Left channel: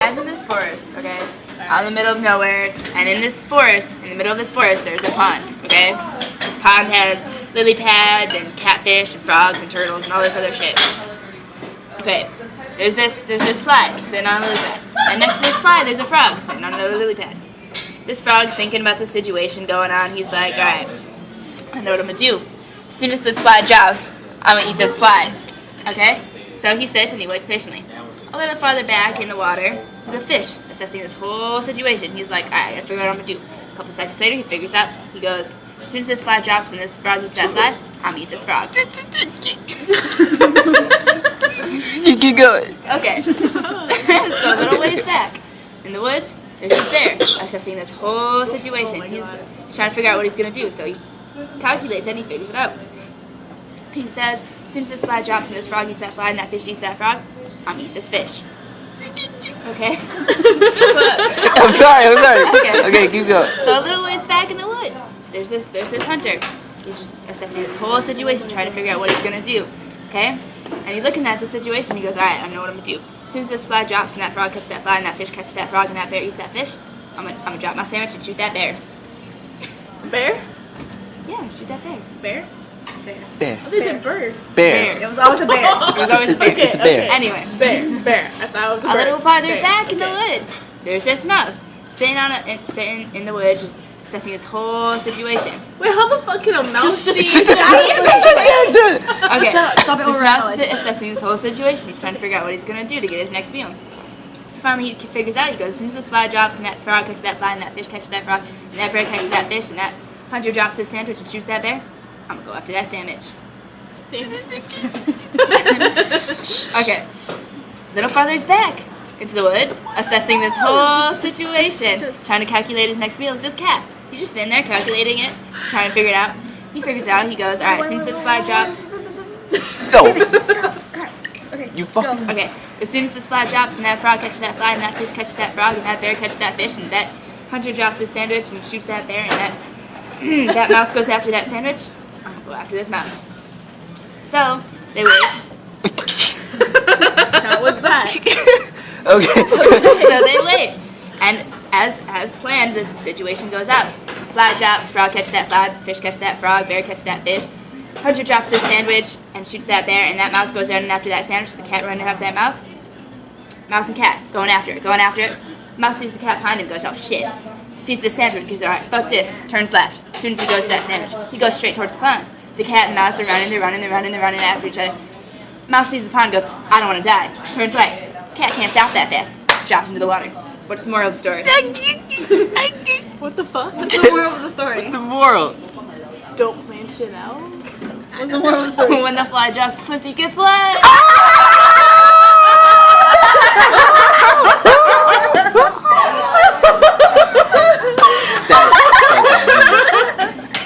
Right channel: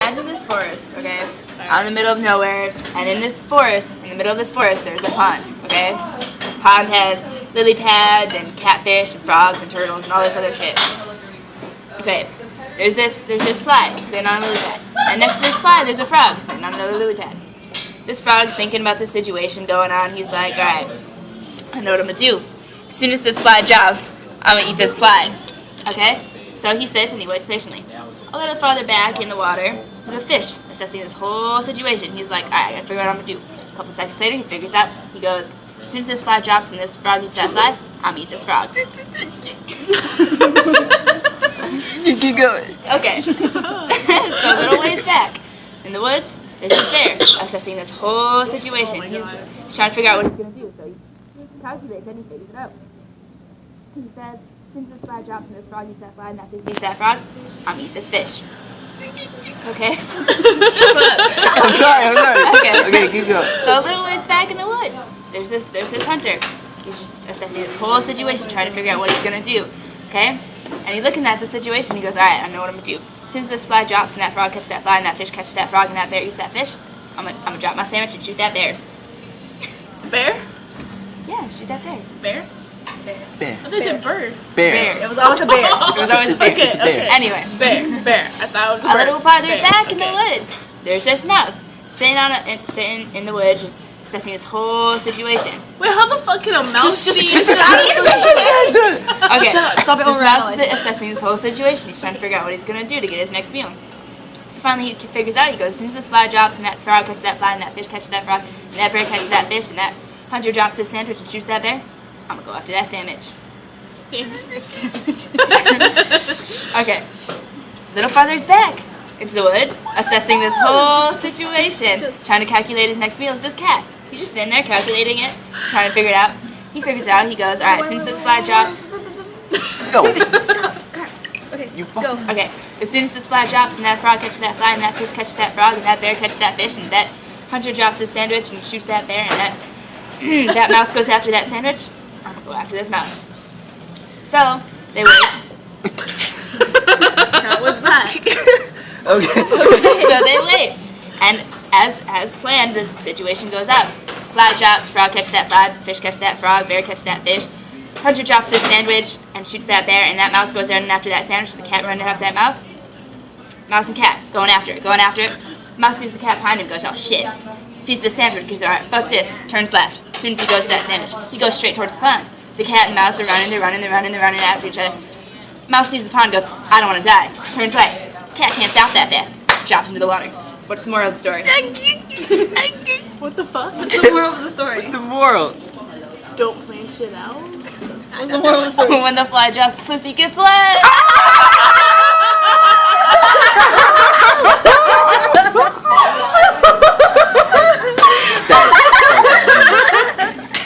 Imagine this forest, okay? Out in the middle of nowhere, and in this forest, in the middle of this forest, there's a pond, okay? This pond has lily pads and catfish and frogs and turtles and all this other shit. Okay, there's this fly sitting on a lily pad, and next to this fly, there's a frog sitting on another lily pad. This frog's thinking about the situation going on. He's like, all right, I know what I'm gonna do. As soon as this fly drops, I'm gonna eat this fly. Okay? So he sits and he waits patiently. A little farther back in the water, there's a fish assessing this whole situation. He's like, alright, I gotta figure out what I'm gonna do. A couple seconds later, he figures out, he goes, as soon as this fly drops and this frog eats that fly, I'm gonna eat this frog. You keep going. Okay. So a little ways back in the woods, there's this bear assessing this whole situation. He's trying to figure out what he's gonna do. So he calculates and he figures it out. He says, as soon as this fly drops and this frog eats that fly and that fish eats that frog, I'm gonna eat this fish. Okay? I'm sorry. Okay, keep going. So a little ways back in the wood, there's this hunter. He's just assessing this whole situation, trying to figure out what he's gonna do. Okay? And he's looking at the situation, he goes, alright, I know what I'm gonna do. As soon as this fly drops and that frog catches that fly and that fish catches that frog and that bear eats that fish, I'm gonna drop my sandwich and shoot that bear. Bear? Yeah, shoot that bear. Bear? Bear. I thought you said bird. Bear. It was always a bear. It was always a bear. It's a bear. Anyway. Bear. I thought it was a A bird. little farther Bear. back in the Okay. woods, there's this mouse sitting in the woods, just assessing this whole situation. Wait, how the fuck can a mouse see? Okay, Stop it this over mouse is assessing this whole situation. He's trying to figure out what he's gonna do to get his next meal. So finally, he figures out. He goes, as soon as this fly drops and that frog catches that fly and that fish catches that frog and that bear catches that fish and that hunter drops his sandwich and shoots that bear, I'm gonna go after that sandwich. Okay, little farther back into the woods, assessing this whole situation, trying to calculate his next meal is this cat. He's just sitting there calculating it, trying to figure it out. He figures it out. He goes, all right, as soon as this fly drops, No. You fucking. okay, as soon as this fly drops and that frog catches that fly and that fish catches that frog and that bear catches that fish and that hunter drops his sandwich and shoots that bear and that that mouse goes after that sandwich, I'm gonna go after this mouse. So they wait. How was that? Okay. So they wait, and as planned, the situation goes out. Fly drops, frog catches that fly, fish catches that frog, bear catches that fish. Hunter drops his sandwich and shoots that bear, and that mouse goes running after that sandwich. The cat running after that mouse. Mouse and cat going after it. Mouse sees the cat behind him, goes, oh shit. Sees the sandwich, goes, alright, fuck this. Turns left. As soon as he goes to that sandwich, he goes straight towards the pond. The cat and mouse, they're running after each other. Mouse sees the pond, goes, I don't want to die. Turns right. Cat can't stop that fast. Drops into the water. What's the moral of the story? What the fuck? What's the moral of the story? The moral. Don't plan shit out? What's the moral of the story? When the fly drops, pussy gets wet.